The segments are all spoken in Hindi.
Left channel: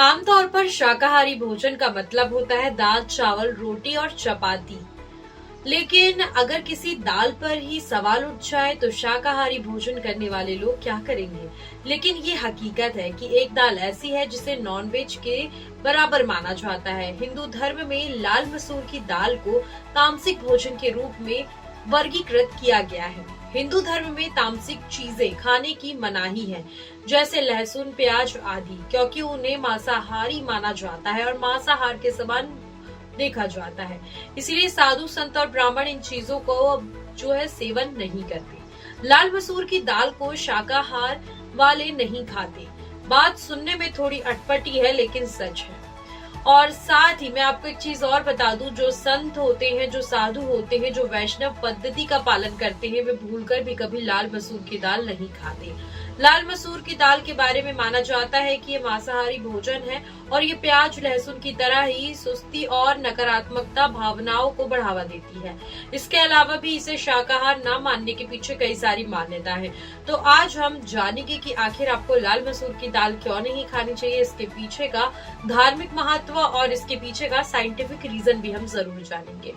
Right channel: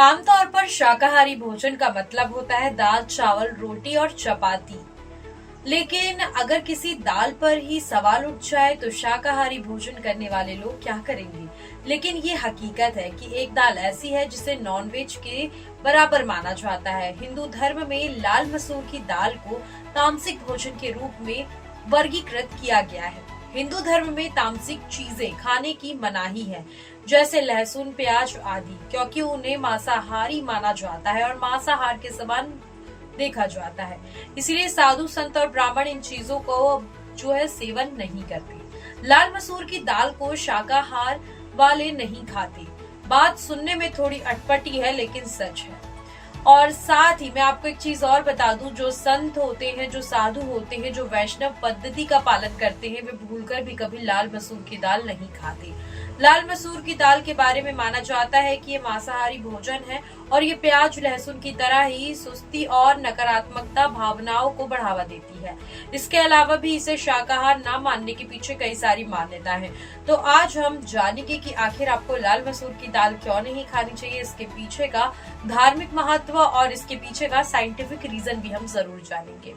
आमतौर पर शाकाहारी भोजन का मतलब होता है दाल, चावल, रोटी और चपाती। लेकिन अगर किसी दाल पर ही सवाल उठ जाए तो शाकाहारी भोजन करने वाले लोग क्या करेंगे। लेकिन ये हकीकत है कि एक दाल ऐसी है जिसे नॉनवेज के बराबर माना जाता है। हिंदू धर्म में लाल मसूर की दाल को तामसिक भोजन के रूप में वर्गीकृत किया गया है। हिंदू धर्म में तामसिक चीजें खाने की मनाही है, जैसे लहसुन, प्याज आदि, क्योंकि उन्हें मांसाहारी माना जाता है और मांसाहार के समान देखा जाता है। इसलिए साधु संत और ब्राह्मण इन चीजों को जो है सेवन नहीं करते। लाल मसूर की दाल को शाकाहार वाले नहीं खाते। बात सुनने में थोड़ी अटपटी है लेकिन सच है। और साथ ही मैं आपको एक चीज और बता दूं, जो संत होते हैं, जो साधु होते हैं, जो वैष्णव पद्धति का पालन करते हैं, वे भूलकर भी कभी लाल मसूर की दाल नहीं खाते। लाल मसूर की दाल के बारे में माना जाता है कि ये मांसाहारी भोजन है और ये प्याज लहसुन की तरह ही सुस्ती और नकारात्मकता भावनाओं को बढ़ावा देती है। इसके अलावा भी इसे शाकाहार न मानने के पीछे कई सारी मान्यता है। तो आज हम जानेंगे कि आखिर आपको लाल मसूर की दाल क्यों नहीं खानी चाहिए, इसके पीछे का धार्मिक महत्व और इसके पीछे का साइंटिफिक रीजन भी हम जरूर जानेंगे।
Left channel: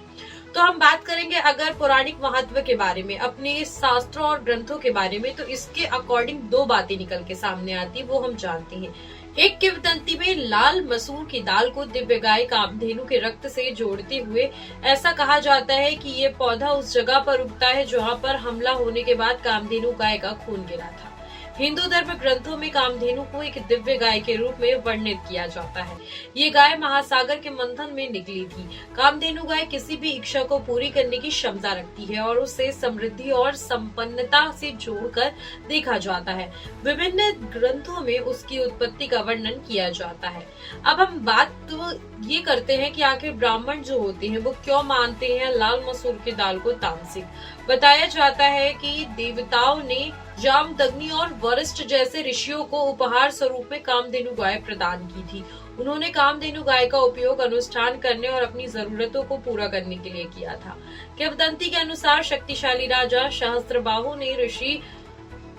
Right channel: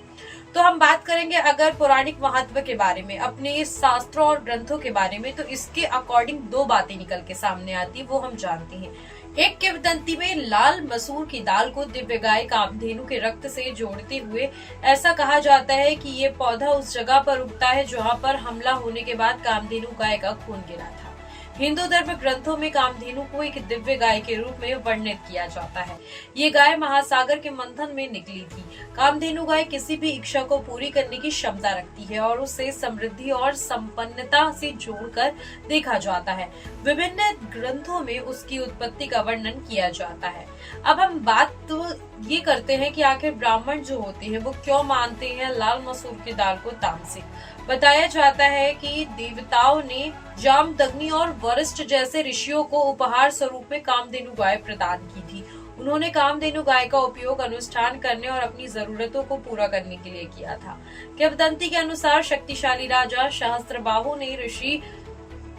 तो हम बात करेंगे अगर पौराणिक महत्व के बारे में, अपने शास्त्रों और ग्रंथों के बारे में, तो इसके अकॉर्डिंग दो बातें निकल के सामने आती है, वो हम जानते हैं। एक किंवदंती में लाल मसूर की दाल को दिव्य गाय कामधेनु के रक्त से जोड़ते हुए ऐसा कहा जाता है कि ये पौधा उस जगह पर उगता है जहाँ पर हमला होने के बाद कामधेनु गाय का खून गिरा था। हिंदू धर्म ग्रंथों में कामधेनु को एक दिव्य गाय के रूप में वर्णित किया जाता है। ये गाय महासागर के मंथन में निकली थी। कामधेनु गाय किसी भी इच्छा को पूरी करने की क्षमता रखती है और उसे समृद्धि और संपन्नता से जोड़कर देखा जाता है। विभिन्न ग्रंथों में उसकी उत्पत्ति का वर्णन किया जाता है। अब हम बात तो ये करते हैं कि आखिर ब्राह्मण जो होते हैं वो क्यों मानते हैं लाल मसूर की दाल को तामसिक। बताया जाता है कि देवताओं ने जामदग्नि और वरिष्ठ जैसे ऋषियों को उपहार स्वरूप में कामधेनु गाय प्रदान की थी। उन्होंने कामधेनु गाय का उपयोग अनुष्ठान करने और अपनी जरूरतों को पूरा करने के लिए किया था। किंवदंती के अनुसार शक्तिशाली राजा सहस्त्रबाहु ने ऋषि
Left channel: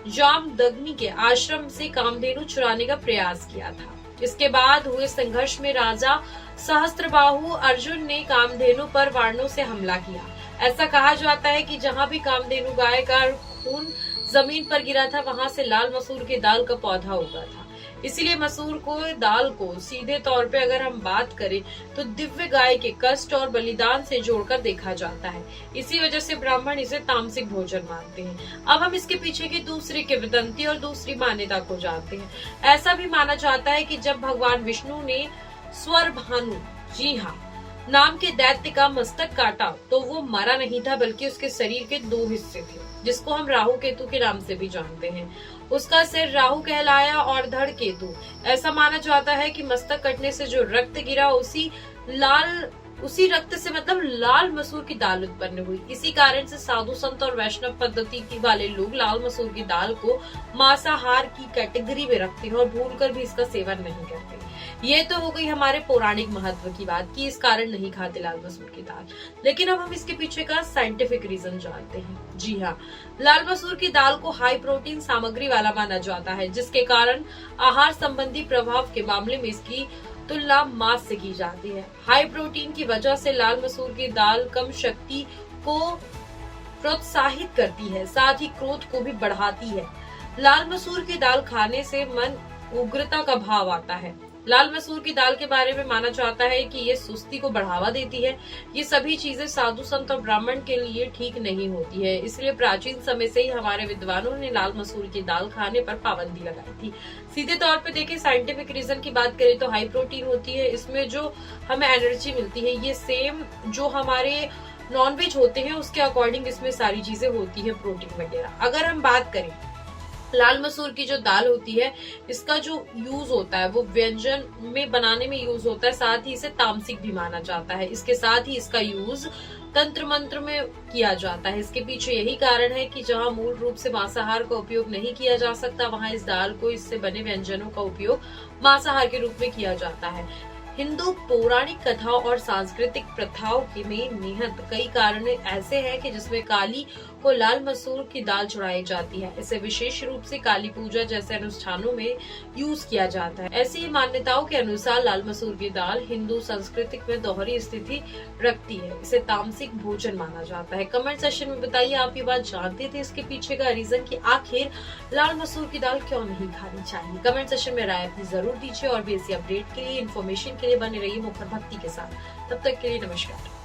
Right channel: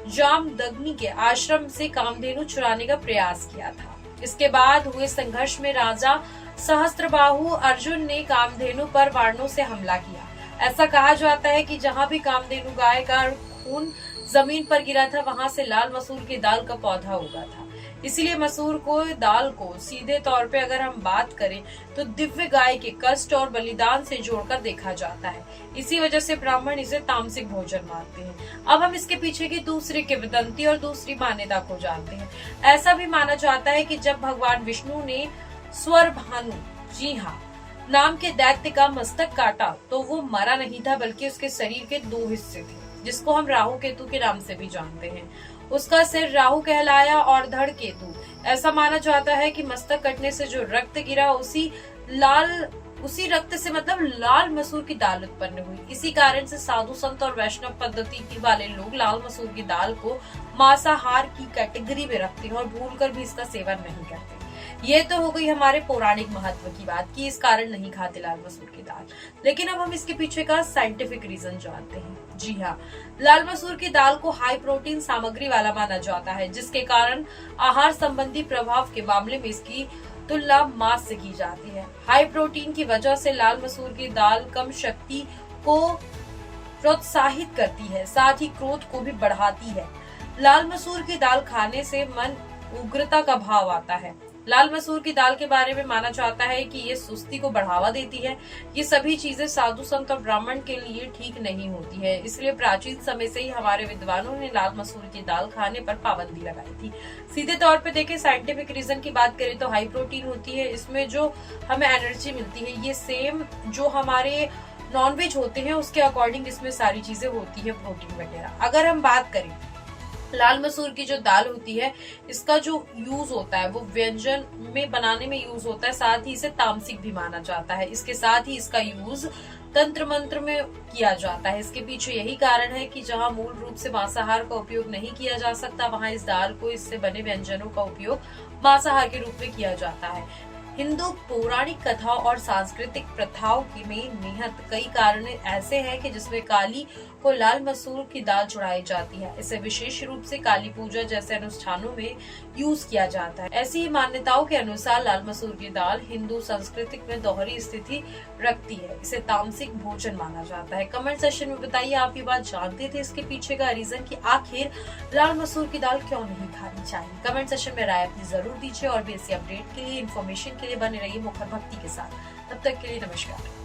जामदग्नि के आश्रम से कामधेनु चुराने का प्रयास किया था। इसके बाद हुए संघर्ष में राजा सहस्त्रबाहु अर्जुन ने कामधेनु पर वारणों से हमला किया। ऐसा कहा जाता है कि जहाँ भी कामधेनु गाय का खून जमीन पर गिरा था वहां से लाल मसूर की दाल का पौधा उगा था। इसीलिए मसूर को दाल को सीधे तौर पे अगर हम बात करें तो दिव्य गाय के कष्ट और बलिदान से जोड़कर देखा जाता है। इसी वजह से ब्राह्मण इसे तामसिक भोजन मानते हैं। अब हम इसके पीछे की दूसरी किंवदंती और दूसरी मान्यता को जानते हैं। ऐसा भी माना जाता है कि जब भगवान विष्णु ने स्वरभानु, जी हाँ, नाम के दैत्य का मस्तक काटा तो वो मरा नहीं था, बल्कि उसके शरीर के दो हिस्से थे, जिसको हम राहु केतु के नाम से भी जानते हैं। उसका सिर राहु कहलाया और धड़ केतु। ऐसा माना जाता है कि मस्तक कटने से जो रक्त गिरा उसी रक्त से मतलब लाल मसूर की दाल उत्पन्न हुई। इसी कारण से साधु संत और वैष्णव पद्धति वाले लोग लाल मसूर की दाल को मांसाहार की कैटेगरी में रखते हैं और भूलकर भी इसका सेवन नहीं करते। ये तो हो गई हमारे पौराणिक महत्व की बात कि इस कारण नहीं खाते लाल मसूर की दाल। लेकिन अब हम इसके पीछे का साइंटिफिक रीजन जानते हैं। जी हाँ, लाल मसूर की दाल को हाई प्रोटीन सामग्री वाला माना जाता है, जिसके कारण आहार संबंधी प्रभाव के मामले में इसकी तुलना मांस से की जाती है। हाई प्रोटीन की वजह से लाल मसूर की दाल कम शक्ति को प्रोत्साहित करती है, साथ ही क्रोध को भी बढ़ाती है। लाल मसूर की दाल खाने से मन उग्रता का भाव आता है। लाल मसूर की दाल के बारे में माना जाता है कि ये सुस्ती को बढ़ावा देती है। ये सभी चीजें साधु संत और ब्राह्मण के लिए ठीक नहीं होती है। इसलिए प्राचीन समय से ही हमारे विद्वानों ने लाल मसूर की दाल खाने पर पाबंदी लगाई थी। सीधे तौर पे देखें, साइंटिफिक रीजन की बात करें तो हाई प्रोटीन होती है, इसमें जो हमें एनर्जी मिलती है ये सेम जो हमारे नॉनवेज होते हैं उसके अकॉर्डिंग इसमें सारी चीजें होती है, प्रोटीन वगैरह। अगर हम बात करें लाल मसूर की जो दाल होती है, इसका जो यूज होता है वो व्यंजन में बनाने में यूज होता है, साथ ही इसे तामसिक भी माना जाता है। इसके साथ ही इसका यूज तंत्र मंत्र में किया जाता है। इसके पीछे यही कारण है कि जहां मूल रूप से मांसाहार का उपयोग नहीं किया जा सकता, वहां इस दाल को, इससे बने व्यंजनों का उपयोग मांसाहार के रूप में किया जाता है। हिंदू पौराणिक कथाओं और सांस्कृतिक प्रथाओं के में निहित कई कारण ऐसे हैं कि जिसमें काली को लाल मसूर की दाल चढ़ाई जाती है। इसे विशेष रूप से काली पूजा जैसे अनुष्ठानों में यूज किया जाता है। ऐसी ही मान्यताओं के अनुसार लाल मसूर की दाल हिंदू संस्कृति में दोहरी स्थिति रखती है। इसे तामसिक भोजन माना जाता है। कमेंट सेक्शन में बताइए, आप ये बात जानते थे इसके पीछे का रीजन कि आखिर लाल मसूर की दाल क्यों नहीं खानी चाहिए। कमेंट सेक्शन में राय अपनी जरूर दीजिए और भी ऐसी अपडेट के लिए, इन्फॉर्मेशन के लिए बने रहिए मुखर भक्ति के साथ। तब तक के लिए नमस्कार।